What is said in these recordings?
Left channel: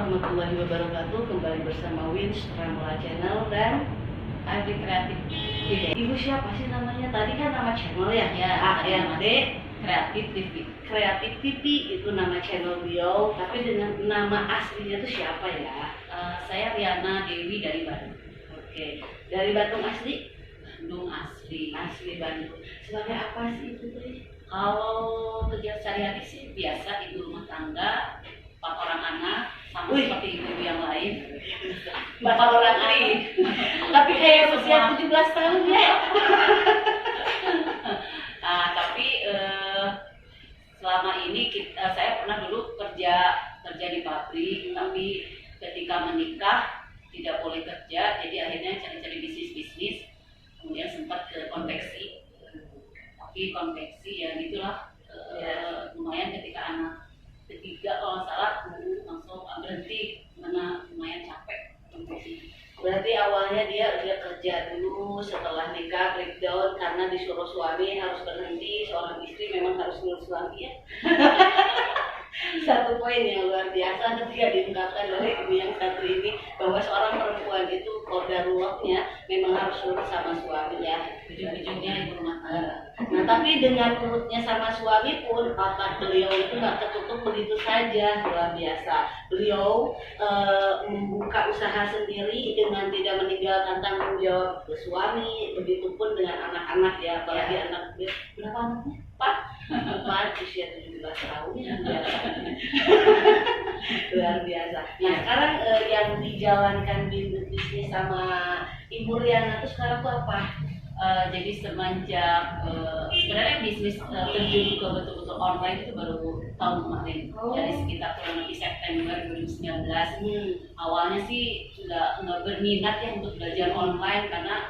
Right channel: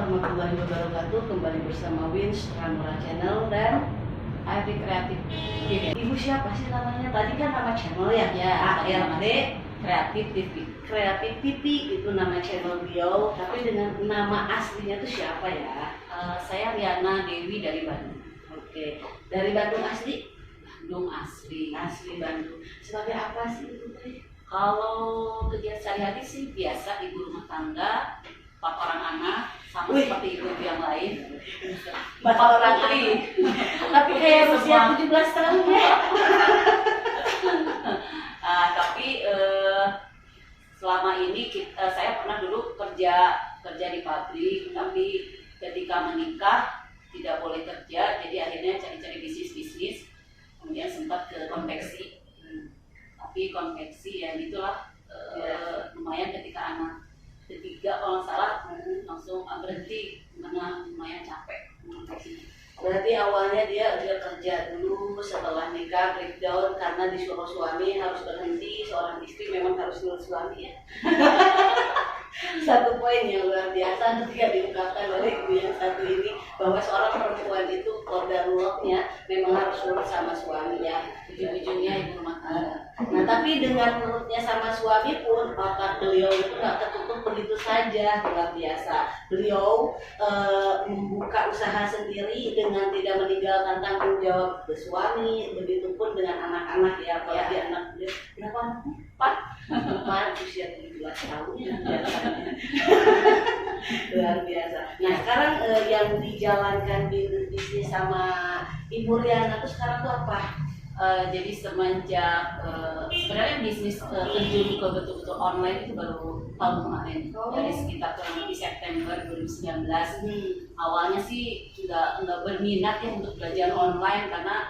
warahmatullahi wabarakatuh. Kembali bersama Wins Ramura Channel dan Adi Kreatif. Ibu siapa sih namanya? Tadi kan nama channel ya? Ya, ARD Kreatif TV. Kreatif TV itu nama channel beliau. Tapi dengan nama aslinya itu siapa ya? Saya Riana Dewi dari Bandung. Oke, dari Bandung asli? Bandung asli. Asli Bandung. Sebagai apa sih itu tadi? Kalau kegiatan sehari-hari sih biasa ibu rumah tangga, 4 orang anak, sama Wih. seperti ibu-ibu yang lain. 4 orang anak. Tapi kayak usia 17 tahun ya. Tapi selama ini saya pernah dulu kerja di pabrik, tapi ketika menikah tidak boleh kerja, jadi akhirnya cari-cari bisnis. Kemudian sempat ke konveksi. Tapi konveksi ya gitulah, lumayan ketika anak ketiga kalau nggak salah langsung berhenti karena lumayan capek konveksi. Berarti awalnya dia udah kerja dulu, setelah nikah breakdown karena disuruh suami harus berhenti. Seorang istri memang harus nurut suami ya. Satu poin yang luar biasa ketika diungkapkan oleh ibu yang satu ini, bahwa seorang perempuan itu qadarullah-nya memang harus nurut sama suami ya. Ujung-ujungnya ibu rumah tangga. Nah, tapi dengan nurutnya sama suami pun otak beliau itu nggak tertutup begitu saja, luar biasa. Beliau membuka usaha sendiri dengan tidak meninggalkan tanggung jawab ke suami, begitupun dengan anak-anak ya, apalagi anak beliau berapa anaknya? 4 usia 17 tahun ya, biasa. Luar biasa. Nah, sekarang yang dijalankan bisnis sama Ibu Riana itu sekarang tuh apa? Jadi semenjak sebenarnya bisnis terjun ke betul-betul online itu baru tahun kemarin. Dari sekitar kurang lebih September 2019. Awalnya sih nggak berminat ya untuk belajar online karena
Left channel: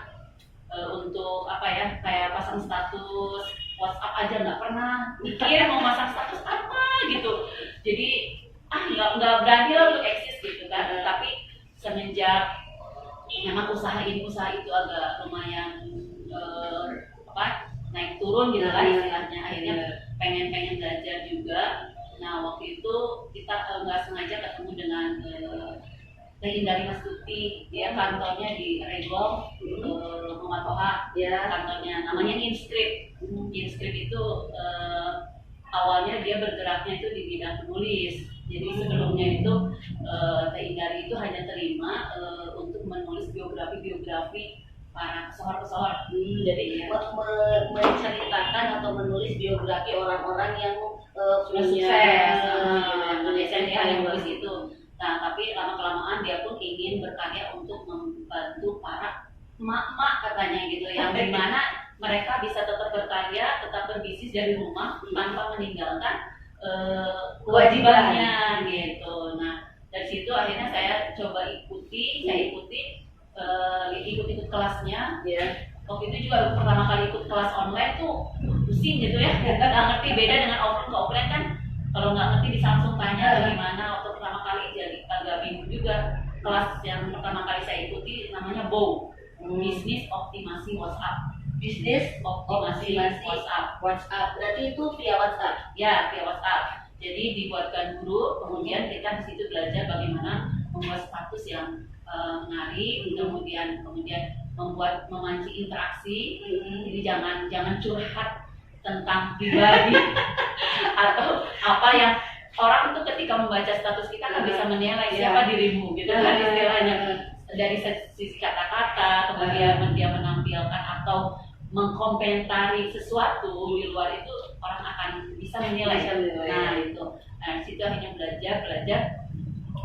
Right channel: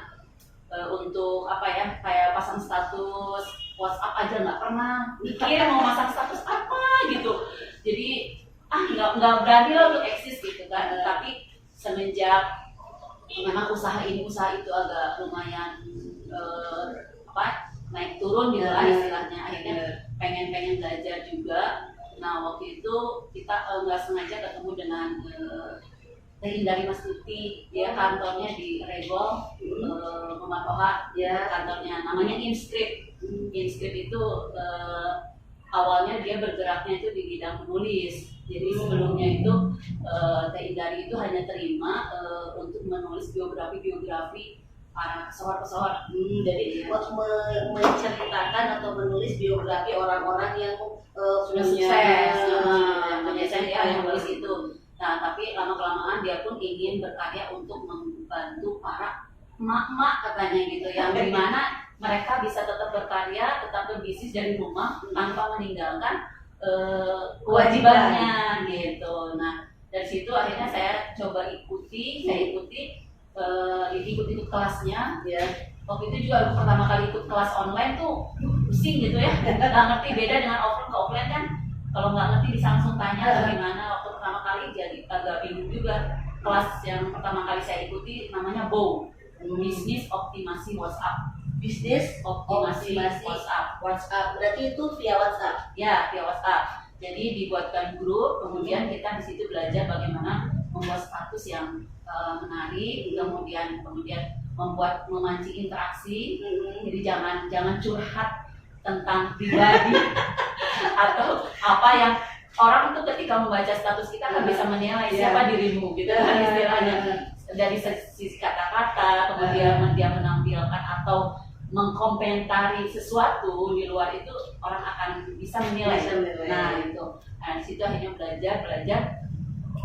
untuk apa ya, kayak pasang status WhatsApp aja nggak pernah mikir mau masang status apa gitu. Jadi nggak berani lah untuk eksis gitu kan. Tapi semenjak memang usaha itu agak lumayan naik turun gitu lah istilahnya, akhirnya pengen belajar juga. Nah waktu itu kita nggak sengaja ketemu dengan Teh Indari Mastuti, dia kantornya di Regol, Mama Toha, kantornya namanya Inscript. Inscript itu awalnya dia bergeraknya itu di bidang penulis. Jadi sebelumnya itu Teh Indari itu hanya terima untuk menulis biografi para pesohor-pesohor. Jadi menceritakan atau menulis biografi orang-orang yang sudah sukses, punya cerita yang menulis itu. Nah, tapi lama-kelamaan dia pun ingin berkarya untuk membantu para emak-emak katanya gitu, yang dimana mereka bisa tetap berkarya, tetap berbisnis dari rumah tanpa meninggalkan kewajibannya gitu. Nah, dari situ akhirnya saya coba ikuti ikut kelasnya. Waktu itu juga pertama kali ikut kelas online tuh pusing gitu ya, nggak ngerti, beda dengan offline kan. Kalau nggak ngerti bisa langsung tanya gimana. Waktu pertama kali jadi agak bingung juga. Kelas yang pertama kali saya ikuti namanya BOW, Bisnis Optimasi WhatsApp. Bisnis Optimasi WhatsApp. Berarti itu via WhatsApp. Ya, via WhatsApp. Jadi dibuatkan grup, kemudian kita di situ belajar bagaimana membuat status yang menarik, kemudian memancing interaksi. Jadi jangan curhat tentang pribadi atau apa yang orang itu ketika membaca status kita kan bisa menilai siapa dirimu gitu kan istilahnya, dari sisi kata-kata, kemudian dia menampilkan atau mengkomentari sesuatu di luar itu, orang akan bisa menilai. Nah itu, di situ akhirnya belajar.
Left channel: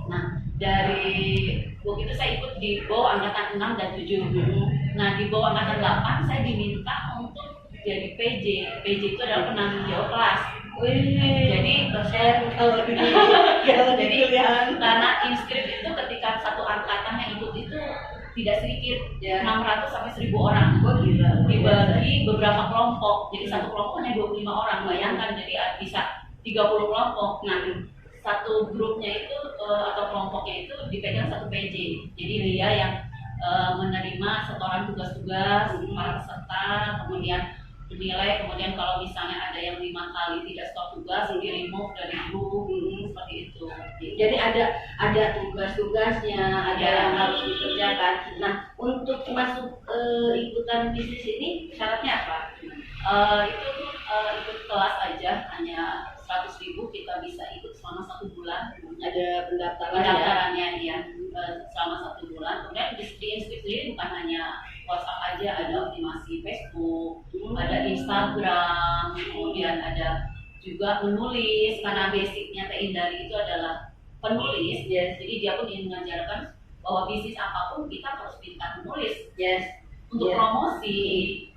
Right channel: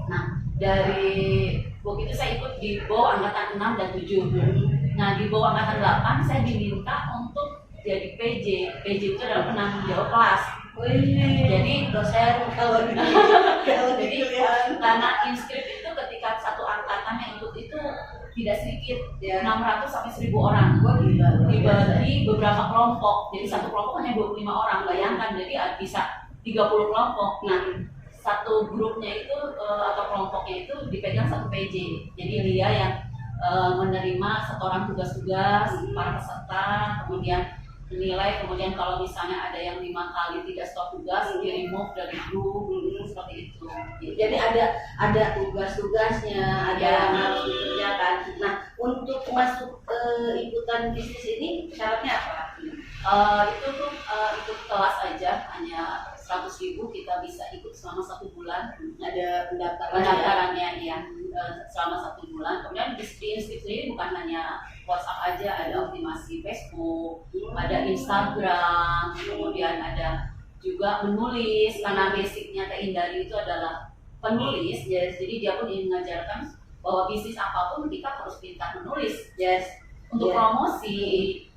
Nah dari waktu itu saya ikut di BOW angkatan 6 dan 7. Nah di BOW angkatan 8 saya diminta untuk jadi PJ. PJ itu adalah penanggung jawab kelas. Jadi dosen jadi karena Inscript itu ketika satu angkatan yang ikut itu tidak sedikit, 600 sampai 1000 orang. Dibagi beberapa kelompok. Jadi satu kelompok hanya 25 orang. Bayangkan, jadi bisa 30 kelompok. Nah, satu grupnya itu atau kelompoknya itu dipegang satu PJ. Jadi dia yang menerima setoran tugas-tugas para peserta, kemudian menilai, kemudian kalau misalnya ada yang 5 kali tidak stop tugas, di remove dari grup, seperti itu. Gitu. Jadi ada tugas-tugasnya, ada Ya. yang harus dikerjakan. Nah, untuk masuk ikutan bisnis ini syaratnya apa? Itu tuh ikut kelas aja, hanya 100.000 kita bisa ikut selama 1 bulan. Ada pendaftaran ya? Pendaftarannya iya, selama 1 bulan. Kemudian di Inscript sendiri bukan hanya WhatsApp aja, ada optimasi Facebook, ada Instagram, kemudian ada juga menulis, karena basicnya Teh Indari itu adalah penulis. Yes. Jadi dia pun ingin mengajarkan bahwa bisnis apapun kita harus pintar menulis Yes. untuk Yeah. promosi,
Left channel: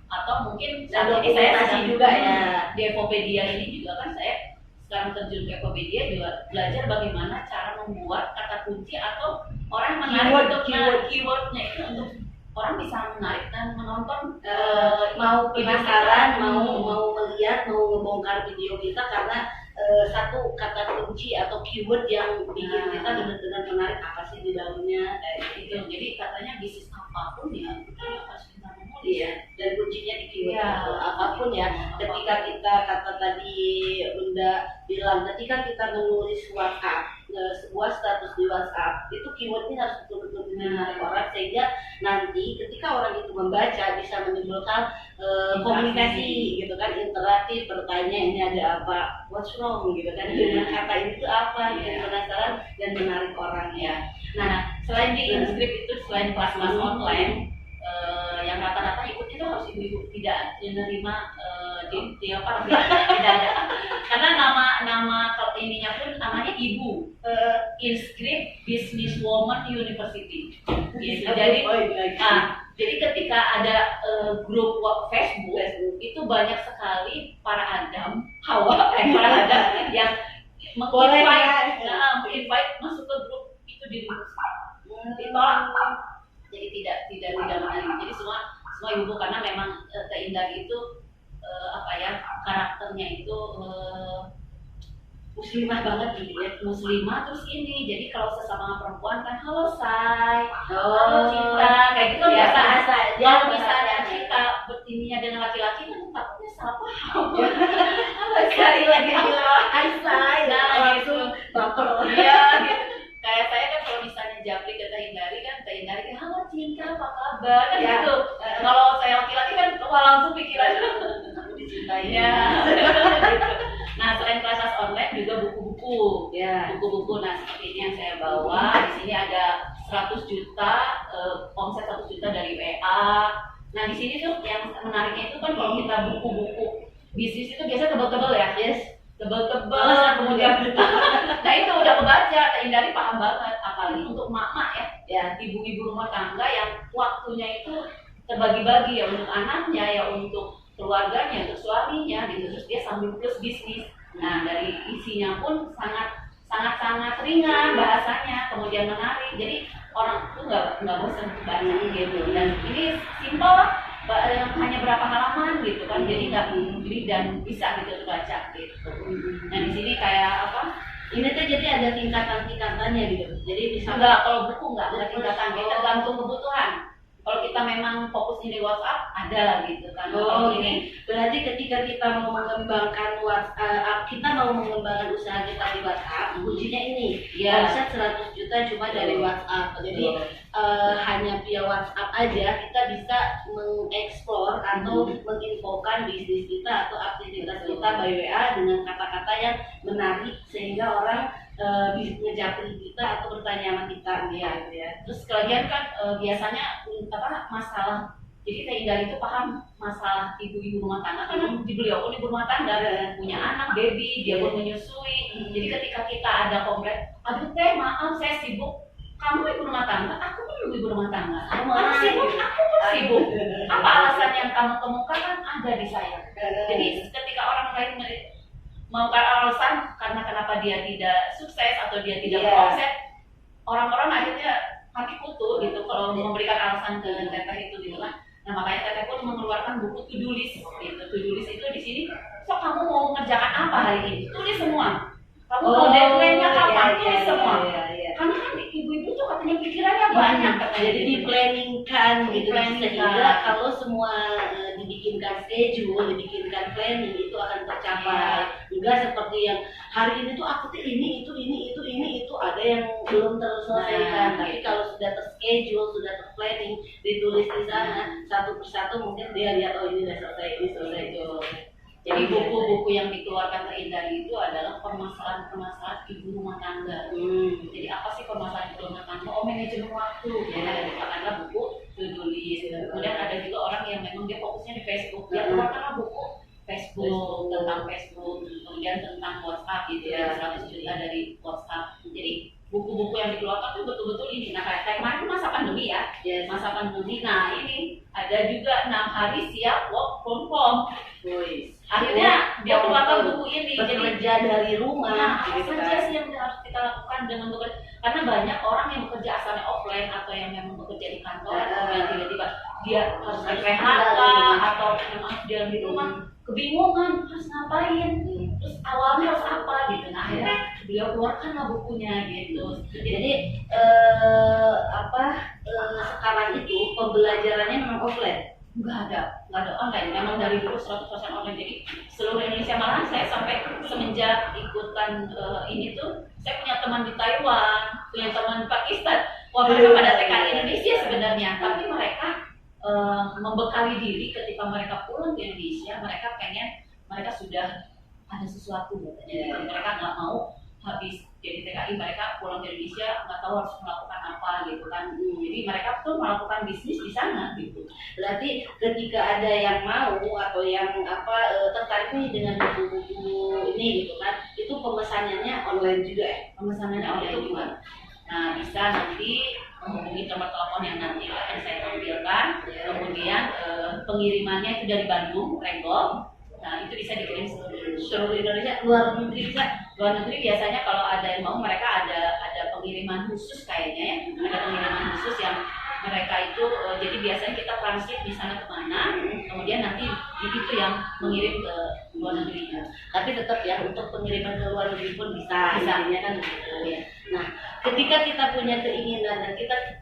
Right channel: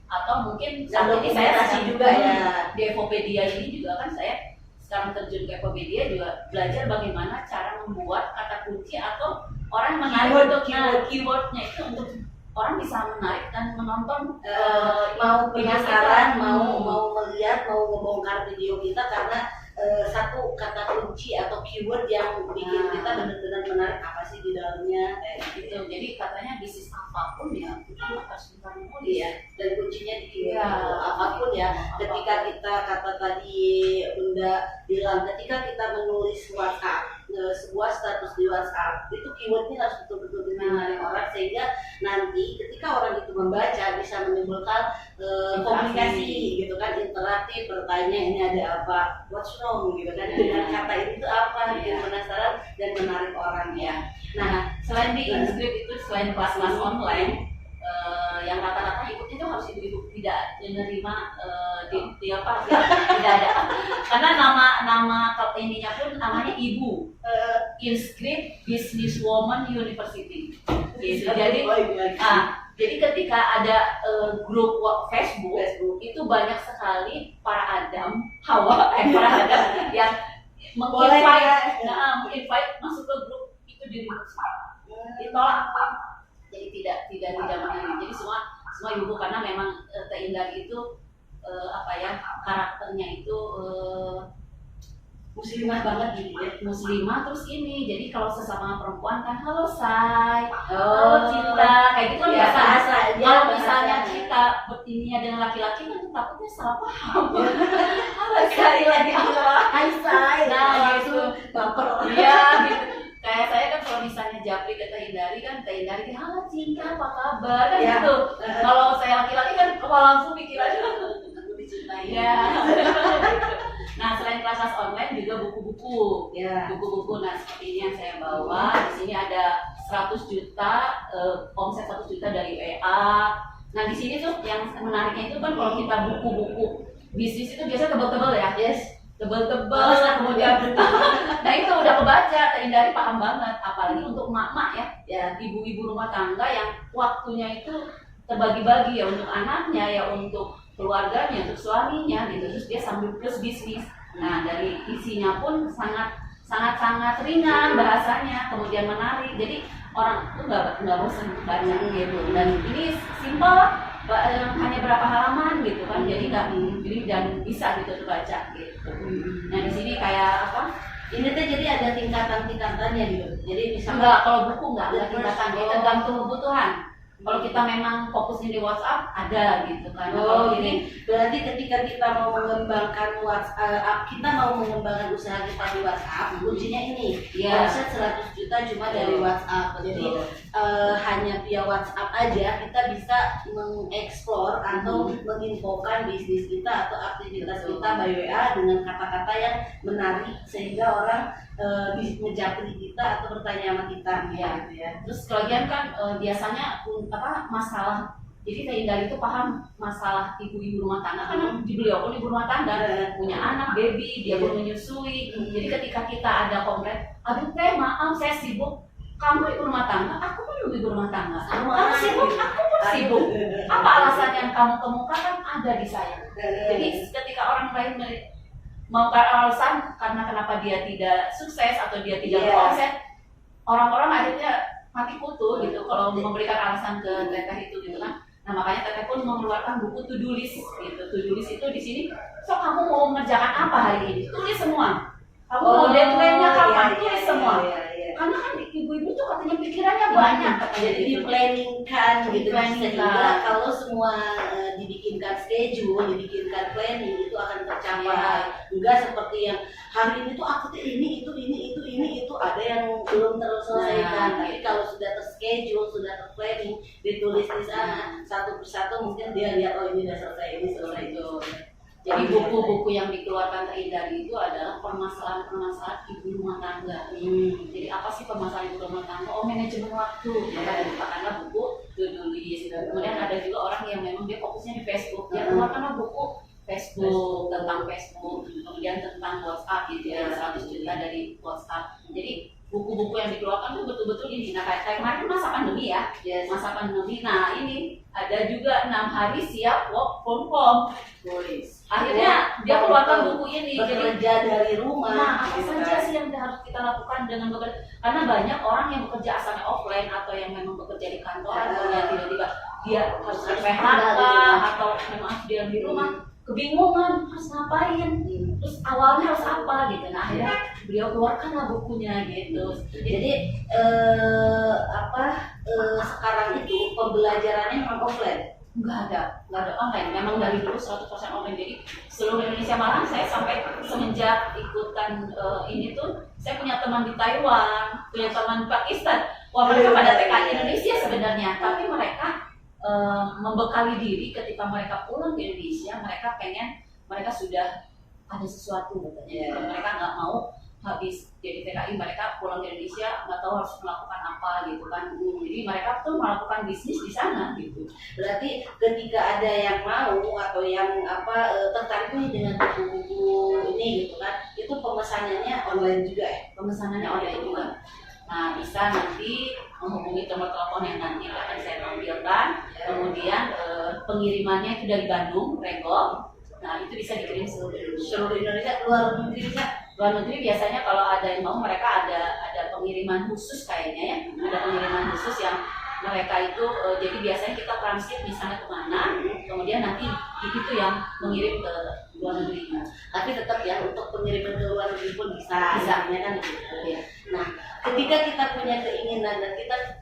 atau mungkin Dan saat ini saya dokumentasi sedang juga ya. di Evopedia ini juga kan saya sekarang terjun ke Evopedia juga belajar bagaimana cara membuat kata kunci atau orang menarik Keyword, untuk keyword. keywordnya itu untuk orang bisa menarik dan menonton Mau video penasaran, kita. mau melihat, mau ngebongkar video kita karena satu kata kunci atau keyword yang bikin kita benar-benar menarik apa sih di dalamnya kayak gitu. gitu. Jadi katanya bisnis apapun ya kita harus pintar menulis. Iya, dan kuncinya di keyword Iya. itu apapun ya. Ketika kita kata tadi Bunda bilang, ketika kita menulis WhatsApp, sebuah status di WhatsApp, itu keywordnya harus betul-betul menarik orang sehingga nanti ketika orang itu membaca bisa menimbulkan komunikasi gitu kan, interaktif, bertanya ini ada apa, what's wrong gitu kan, dengan kata itu apa, bikin penasaran dan menarik orang ya. Nah, selain di Inscript itu, selain kelas-kelas online, yang rata-rata ikutnya itu harus ibu-ibu, tidak menerima di apa, tidak ada, karena nama ininya pun namanya ibu, Inscript Businesswoman University. Gitu. Jadi ketika ada grup Facebook itu banyak sekali para Adam, Hawa, para Adam yang menginvite masuk ke grup itu ditolak. Jadi tidak menarik. Jadi semua ibu, karena memang Teh Indari itu karakternya itu muslimah banget gitu ya. muslimah, terus ini jadi kalau sesama perempuan kan halo say, Oh, halo cinta, kayak gitu kan biasa biasa. aja. Kalau misalnya kita bertininya dengan laki-laki kan takutnya salah paham. Halo say lagi Hai say, nah langsung gitu, baper. iya gitu. Kayak saya kan kalau misalnya japri ke Teh Indari kan, Teh Indari halo cinta apa kabar kan Ya. gitu. Kalau saya laki-laki kan langsung pikirannya aku dicintai ya. Gitu. Nah, selain kelas online juga buku-buku. Ya. Buku-buku, nah seperti ini yang saya bawa. Di sini ada 100 juta, omset 100 juta dari WA. Nah, di sini tuh yang menariknya itu kan kalau kita buku-buku bisnis itu biasanya tebal-tebal ya. Yes. Tebal-tebal, kemudian nah itu udah kebaca, Teh Indari paham banget. Apalagi untuk emak-emak ya, Ya. ibu-ibu rumah tangga yang waktunya itu terbagi-bagi ya, untuk anaknya, ya untuk keluarganya, untuk suaminya gitu. Terus dia sambil plus bisnis. Nah, dari isinya pun sangat ringan bahasanya, kemudian menarik. Jadi orang tuh nggak bosan baca gitu. Dan ini simpel, hanya berapa halaman gitu kan. Jadi nggak dan bisa gitu baca gitu. Nah, di sini kayak apa? Ini tuh jadi ada tingkatan-tingkatannya gitu. Jadi misalnya Enggak, kalau buku enggak tingkatan, kita tergantung kebutuhan. Kalau kita memang fokusnya di WhatsApp ada gitu kan. Oh, Kalau ini berarti ketika kita mau mengembangkan WhatsApp, kita mau mengembangkan usaha kita di WhatsApp, kuncinya ini. Iya. Omset 100 juta cuma dari WhatsApp. Jadi hanya via WhatsApp aja kita bisa mengeksplor atau menginfokan bisnis kita atau aktivitas kita by WA dengan kata-kata yang menarik sehingga orang bisa ngejapri kita atau bertanya sama kita gitu ya. Terus kalian kan biasanya masalah, jadi Teh Indari itu paham masalah ibu-ibu rumah tangga karena beliau pun ibu rumah tangga, punya anak, baby, dia pun menyusui. Jadi ketika kita ada komplain, aduh Teh maaf saya sibuk, kamu ibu rumah tangga, aku pun ibu rumah tangga. Kamu sibuk, aku pun sibuk. Apa alasan yang kamu kemukakan ada di saya. Jadi ketika orang lain mau alasan karena kenapa dia tidak sukses atau dia tidak beromset, orang-orang akhirnya mati kutu gitu kalau memberikan alasan ke Teteh itu gitu kan. Nah, makanya Teteh pun mengeluarkan buku to-do list gitu. To-do list itu di sini, so kamu mau mengerjakan apa hari ini? Tulis semua. Kamu mau deadline-nya kapan? Tulis semua. karena kan ibu-ibu tuh katanya pikirannya banyak katanya Jadi gitu. di-planningkan gitu, Di-planningkan. sehingga kalau semua dibikinkan schedule, dibikinkan planning itu akan tercapai. Enggak seperti yang hari ini tuh aku tuh ini itu ada yang belum terselesaikan. Nah, Tapi gitu. kalau sudah terschedule, sudah terplanning, ditulis di sana satu persatu, mungkin dia lihat oh ini udah selesai, ini selesai itu. Jadi buku-buku yang dikeluarkan Terhindari itu adalah permasalahan ibu rumah tangga. Jadi apa sih permasalahan ibu rumah tangga? Oh, manajemen waktu. Ya, katakanlah buku to-do list. Kemudian ada juga orang yang memang dia fokusnya di Facebook. Ya, keluarkanlah buku Facebook, tentang Facebook, kemudian tentang WhatsApp gitu ya, 100 juta dari WhatsApp. Jadi buku-buku yang dikeluarkan itu betul-betul ini. Nah, kayak kemarin masa pandemi ya, Yes. masa pandemi. Nah, ini ada juga 6 hari siap work from home. Boys. Akhirnya dia keluarkan buku ini. Jadi Bekerja dari rumah. nah, apa gitu saja kan. sih yang harus kita lakukan dengan bekerja? Karena banyak orang yang bekerja asalnya offline atau yang memang bekerja di kantor, kemudian tiba-tiba dia harus Harus PHK pindah, atau memang dia di rumah, kebingungan harus ngapain, terus awalnya harus apa gitu. Nah, akhirnya beliau keluarkanlah bukunya gitu. Jadi sekarang itu pembelajarannya memang offline. nggak ada online. Memang dari dulu 100% online. Jadi seluruh Indonesia, malahan saya sampai semenjak ikutan ini tuh, saya punya teman di Taiwan, punya teman di Pakistan. Wah, mereka pada TKI Indonesia sebenarnya, tapi mereka membekali diri ketika mereka pulang ke Indonesia, mereka sudah ada sesuatu katanya. Mereka nggak mau habis jadi TKI mereka pulang ke Indonesia nggak tahu harus melakukan apa gitu kan. Jadi mereka tuh melakukan bisnis di sana gitu. Berarti ketika ada yang mau atau yang tertarik nih dengan buku-buku ini gitu kan, itu pemesanannya online juga ya? Pemesanannya online juga. Nah, bisa nanti menghubungi nomor telepon yang nanti akan saya tampilkan. Kemudian pengirimannya itu dari Bandung, Renggong. Nah, itu bisa dikirim Seluruh Indonesia, luar negeri bisa. Luar negeri biasanya kalau ada yang mau, mereka ada pengiriman khusus kayaknya ya. Ada pengiriman khusus yang mereka itu jadi biasanya kita transit di sana kemana, kemudian nanti itu yang mengirim ke luar negerinya. Tapi tetap ya untuk pengiriman ke luar negeri pun bisa. Intinya kan begitu. Ya. Nah, ketika kita punya keinginan dan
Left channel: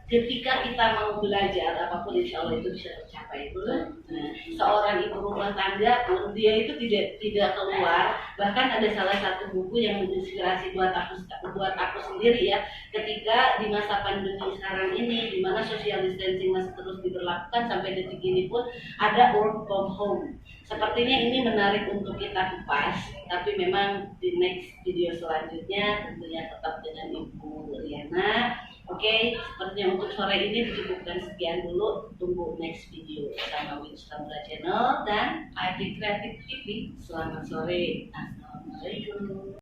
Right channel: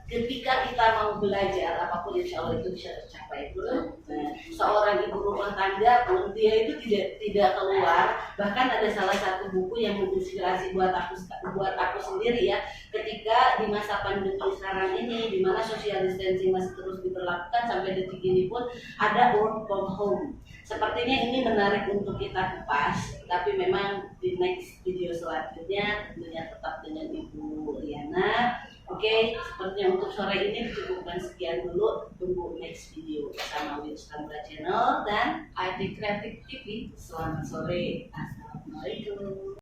ketika kita mau belajar apapun, insya Allah itu bisa tercapai itu. Nah, seorang ibu rumah tangga pun dia itu tidak keluar. Bahkan ada salah satu buku yang menginspirasi buat aku sendiri ya. Ketika di masa pandemi sekarang ini, di mana social distancing masih terus diberlakukan sampai detik ini pun ada work from home. Sepertinya ini menarik untuk kita kupas, tapi memang di next video selanjutnya tentunya tetap dengan Ibu Riana. Oke, sepertinya untuk sore ini dicukupkan sekian dulu. Tunggu next video bersama Winstamura Channel dan ID Kreatif TV. selamat sore. Assalamualaikum.